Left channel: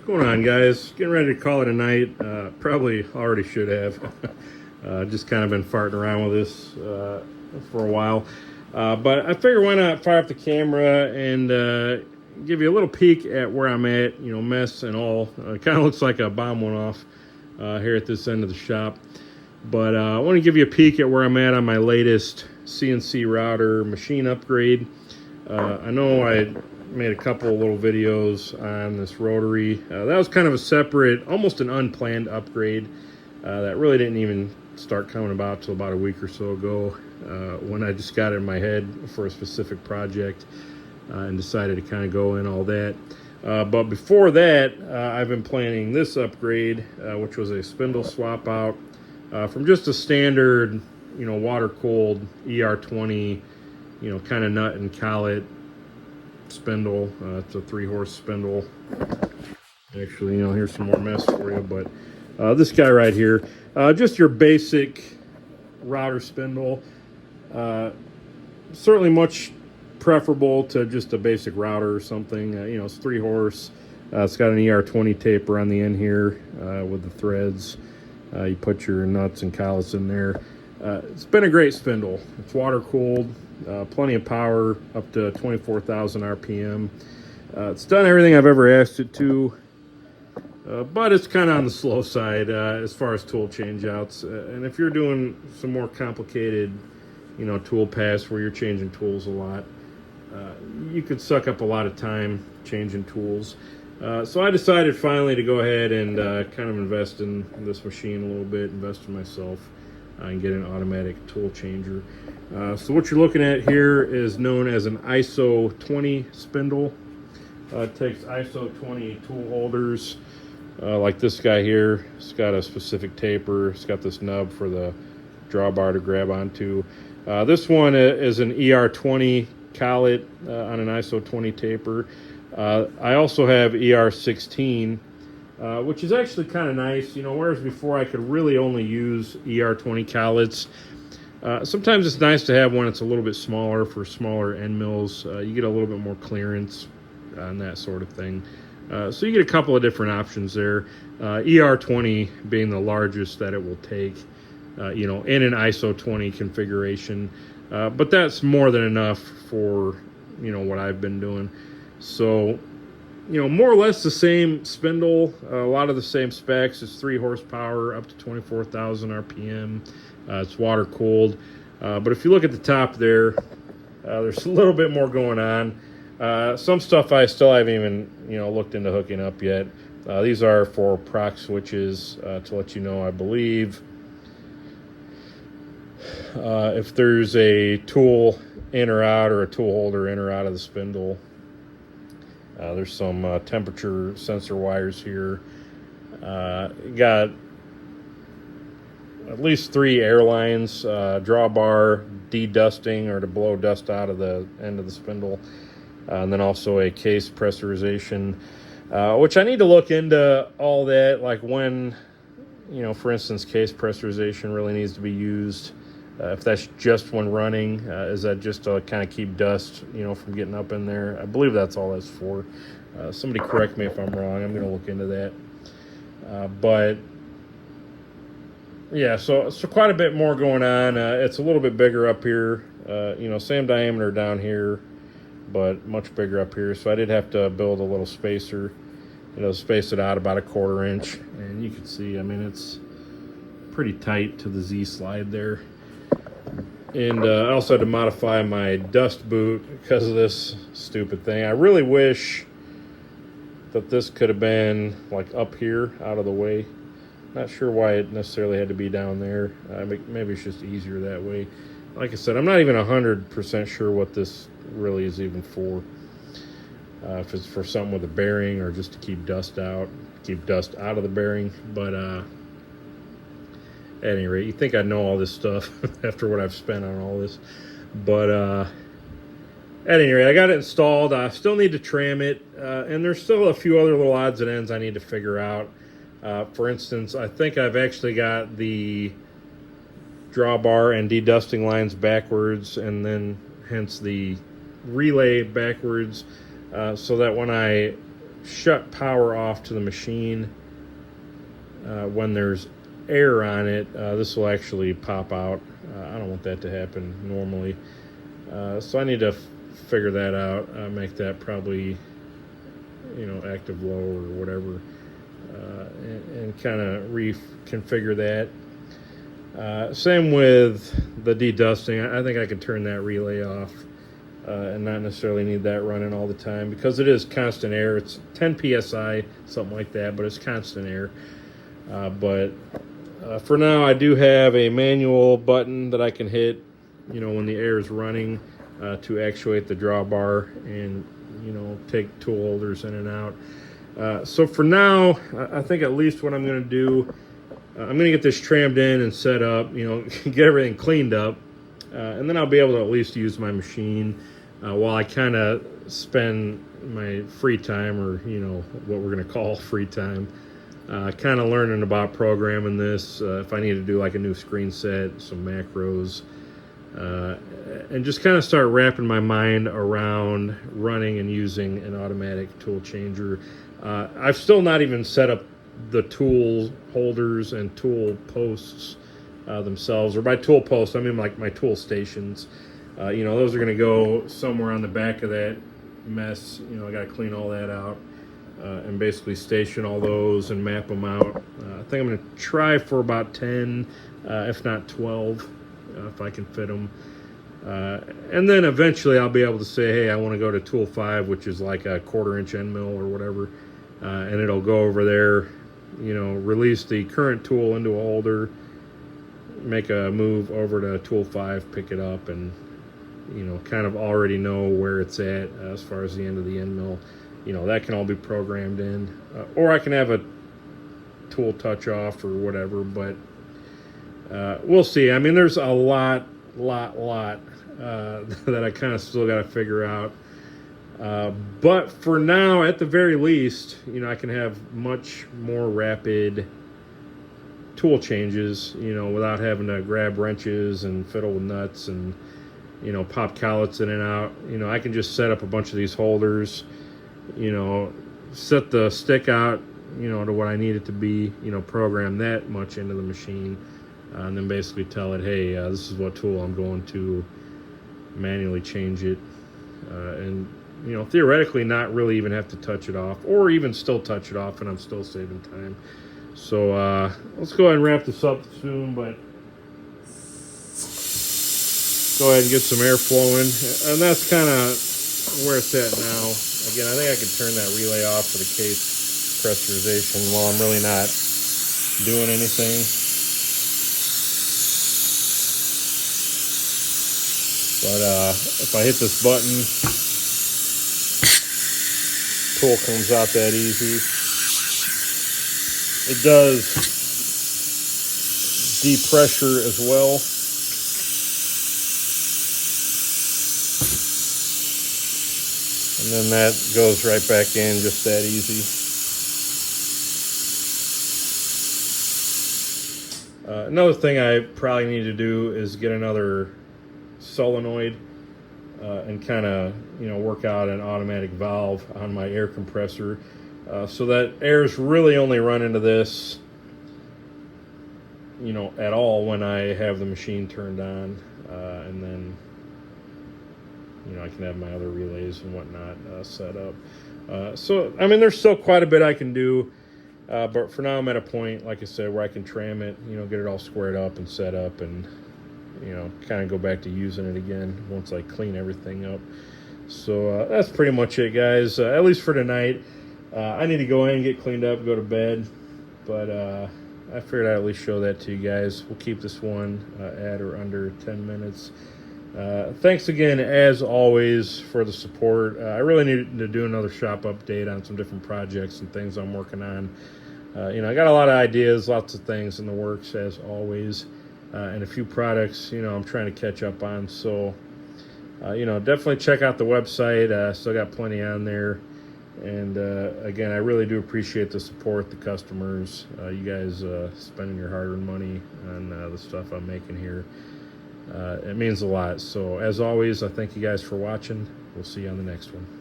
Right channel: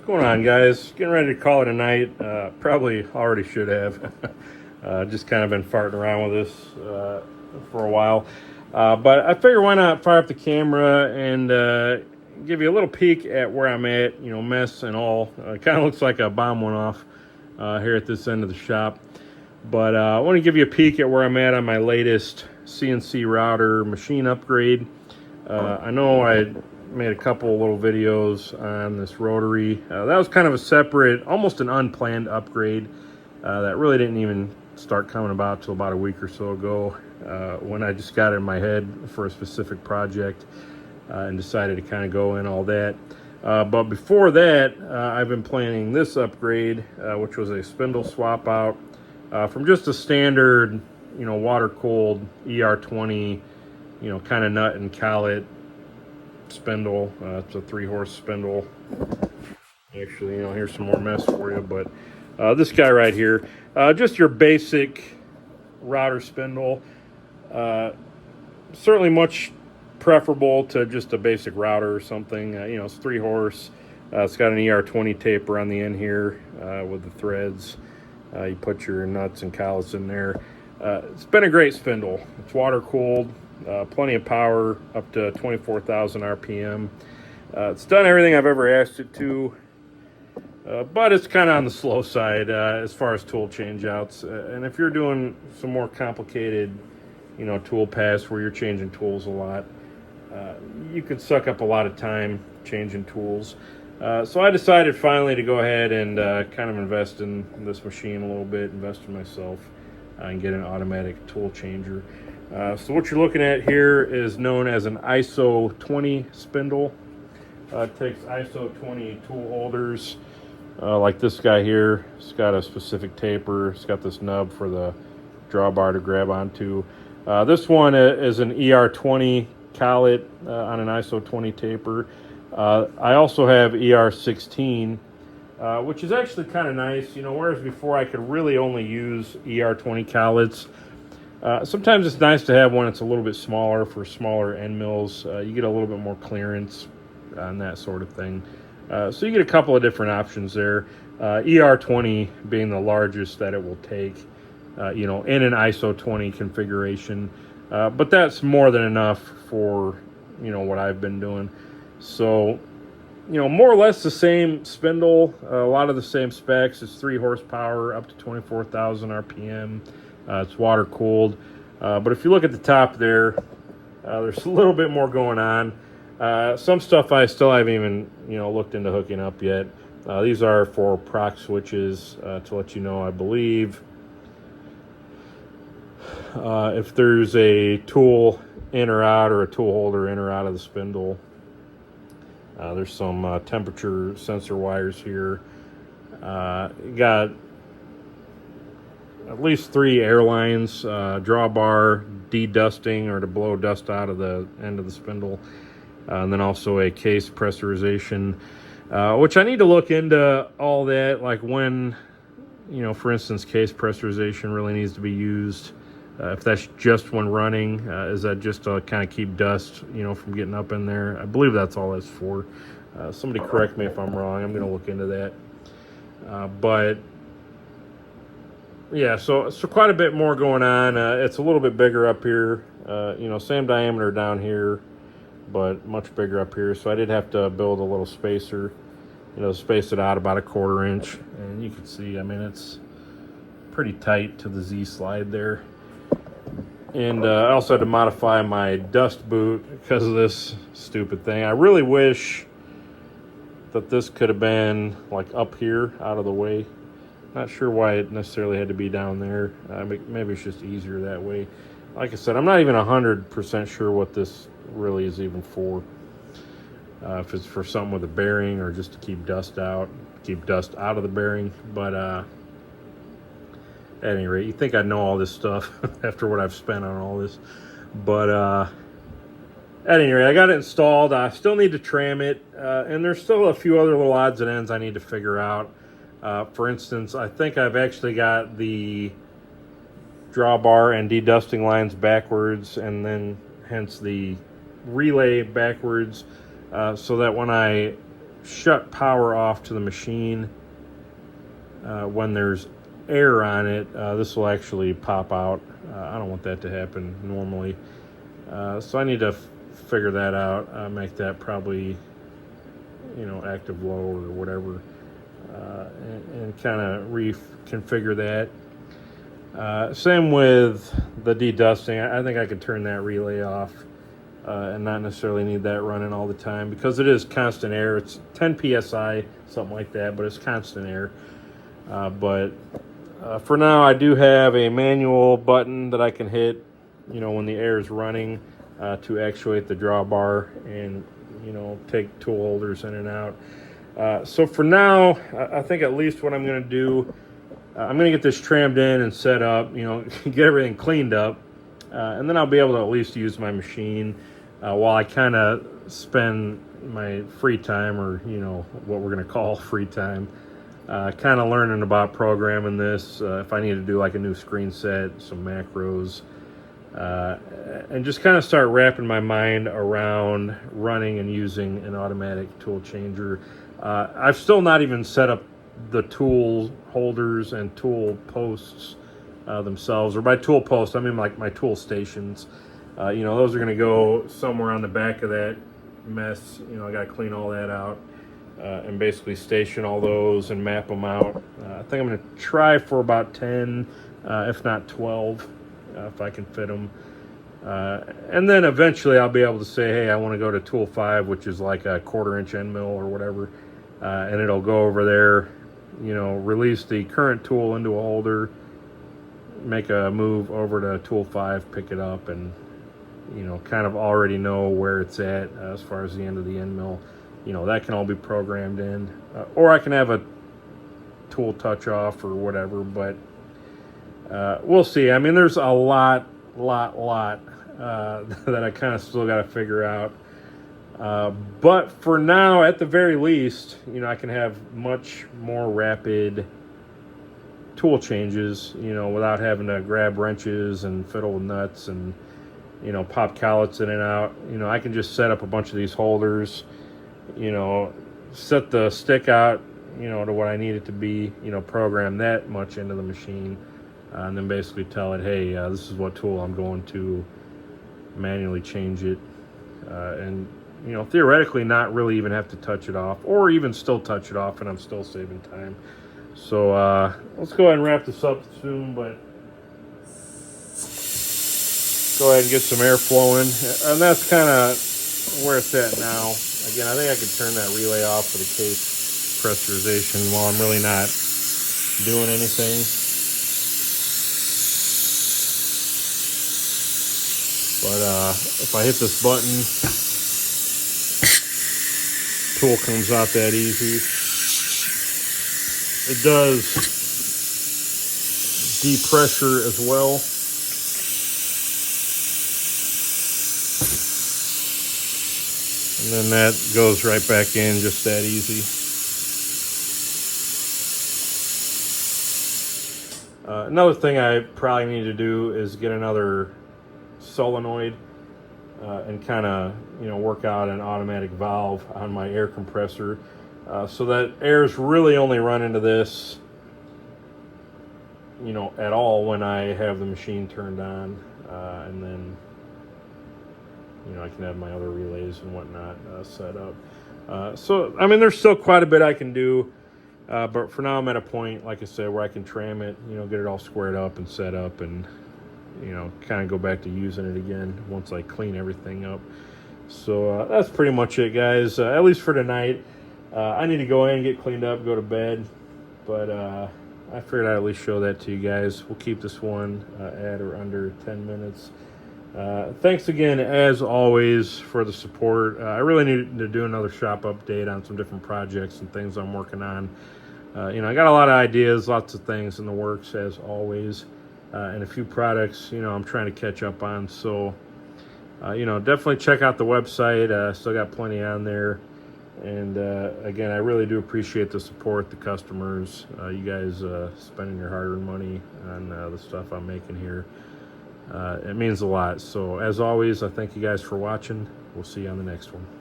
What's going on, guys? Getting ready to call it a night. Probably already should have. Just kind of been farting around with this for a while. But I figure why not fire up the camera and give you a little peek at where I'm at, you know, mess and all. It kind of looks like a bomb went off here at this end of the shop. But I want to give you a peek at where I'm at on my latest CNC router machine upgrade. I know I made a couple little videos on this rotary. That was kind of a separate, almost an unplanned upgrade that really didn't even start coming about till about a week or so ago when I just got it in my head for a specific project and decided to kind of go in all that. But before that, I've been planning this upgrade, which was a spindle swap out from just a standard, you know, water-cooled ER20, you know, kind of nut and collet spindle. It's a 3-horse spindle. Actually, you know, here's some more mess for you, but this guy right here, just your basic router spindle. Certainly much preferable to just a basic router or something. You know, it's 3-horse. It's got an ER20 taper on the end here with the threads. You put your nuts and collets in there. It's been a great spindle. It's water cooled, plenty of power, up to 24,000 RPM. It's done everything I've ever asked it to, but it's kind of on the slow side as far as tool change outs. And if you're doing some more complicated, you know, tool paths where you're changing tools a lot, you could suck up a lot of time changing tools. So I decided finally to go ahead and kind of invest in this machine a little bit, invest in myself, and get an automatic tool changer. So what you're looking at here is known as an ISO 20 spindle. It takes ISO 20 tool holders, like this guy here. It's got a specific taper. It's got this nub for the drawbar to grab onto. This one is an ER20 collet on an ISO 20 taper. I also have ER16, which is actually kind of nice, you know, whereas before I could really only use ER20 collets. Sometimes it's nice to have one that's a little bit smaller for smaller end mills. You get a little bit more clearance on that sort of thing. So you get a couple of different options there. ER20 being the largest that it will take, you know, in an ISO 20 configuration. But that's more than enough for, you know, what I've been doing. So, you know, more or less the same spindle, a lot of the same specs. It's 3 horsepower, up to 24,000 RPM. It's water cooled. But if you look at the top there, there's a little bit more going on. Some stuff I still haven't even, you know, looked into hooking up yet. These are for proc switches to let you know, I believe, if there's a tool in or out or a tool holder in or out of the spindle. There's some temperature sensor wires here. Got at least 3 air lines, drawbar, de-dusting or to blow dust out of the end of the spindle. And then also a case pressurization, which I need to look into all that, like when, you know, for instance, case pressurization really needs to be used. If that's just when running, is that just to kind of keep dust, you know, from getting up in there? I believe that's all that's for. Somebody correct me if I'm wrong. I'm going to look into that. But yeah, so quite a bit more going on. It's a little bit bigger up here. You know, same diameter down here, but much bigger up here. So I did have to build a little spacer, you know, space it out about a 1/4 inch. And you can see, I mean, it's pretty tight to the Z slide there. And I also had to modify my dust boot because of this stupid thing. I really wish that this could have been like up here out of the way. Not sure why it necessarily had to be down there. Maybe it's just easier that way. Like I said, I'm not even 100% sure what this really is even for. If it's for something with a bearing or just to keep dust out of the bearing. But at any rate, you think I'd know all this stuff after what I've spent on all this. But at any rate, I got it installed. I still need to tram it. And there's still a few other little odds and ends I need to figure out. For instance, I think I've actually got the drawbar and de-dusting lines backwards, and then hence the relay backwards, so that when I shut power off to the machine, when there's air on it, this will actually pop out. I don't want that to happen normally. So I need to figure that out, make that probably, active low or whatever, and kind of reconfigure that. Same with the dedusting. I think I could turn that relay off, and not necessarily need that running all the time, because it is constant air. It's 10 psi, something like that, but it's constant air. But for now, I do have a manual button that I can hit, when the air is running, to actuate the drawbar and, take tool holders in and out. So for now, I think at least what I'm going to do, I'm going to get this trammed in and set up, get everything cleaned up, and then I'll be able to at least use my machine while I kind of spend my free time, or, what we're going to call free time, kind of learning about programming this, if I need to do like a new screen set, some macros, and just kind of start wrapping my mind around running and using an automatic tool changer. I've still not even set up the tool holders and tool posts themselves, or by tool posts I mean like my tool stations. Those are going to go somewhere on the back of that mess. I got to clean all that out, and basically station all those and map them out. I think I'm going to try for about 10, if not 12, if I can fit them. And then eventually I'll be able to say, hey, I want to go to tool 5, which is like a 1/4 inch end mill or whatever, and it'll go over there, release the current tool into a holder, make a move over to tool 5, pick it up, and kind of already know where it's at as far as the end of the end mill. That can all be programmed in, or I can have a tool touch off or whatever, but we'll see. I mean, there's a lot that I kind of still got to figure out, but for now, at the very least, I can have much more rapid tool changes, without having to grab wrenches and fiddle with nuts and pop collets in and out. I can just set up a bunch of these holders, set the stick out, to what I need it to be, program that much into the machine, and then basically tell it, hey, this is what tool I'm going to manually change it, and theoretically not really even have to touch it off, or even still touch it off, and I'm still saving time. So let's go ahead and wrap this up soon, but go ahead and get some air flowing, and that's kind of where it's at now. Again, I think I could turn that relay off for the case pressurization while I'm really not doing anything. But if I hit this button, tool comes out that easy. It does depressure as well. And then that goes right back in just that easy. Another thing I probably need to do is get another solenoid and kind of work out an automatic valve on my air compressor, so that air's really only run into this at all when I have the machine turned on, and then I can have my other relays and whatnot set up. So I mean, there's still quite a bit I can do, but for now I'm at a point, like I said, where I can tram it, get it all squared up and set up, and kind of go back to using it again once I clean everything up. So that's pretty much it, guys, at least for tonight. I need to go in and get cleaned up, go to bed, but I figured I'd at least show that to you guys. We'll keep this one at or under 10 minutes. Thanks again, as always, for the support. I really need to do another shop update on some different projects and things I'm working on. I got a lot of ideas, lots of things in the works, as always, and a few products, I'm trying to catch up on. So, definitely check out the website. Still got plenty on there. And again, I really do appreciate the support, the customers, you guys spending your hard-earned money on the stuff I'm making here. It means a lot. So as always, I thank you guys for watching. We'll see you on the next one.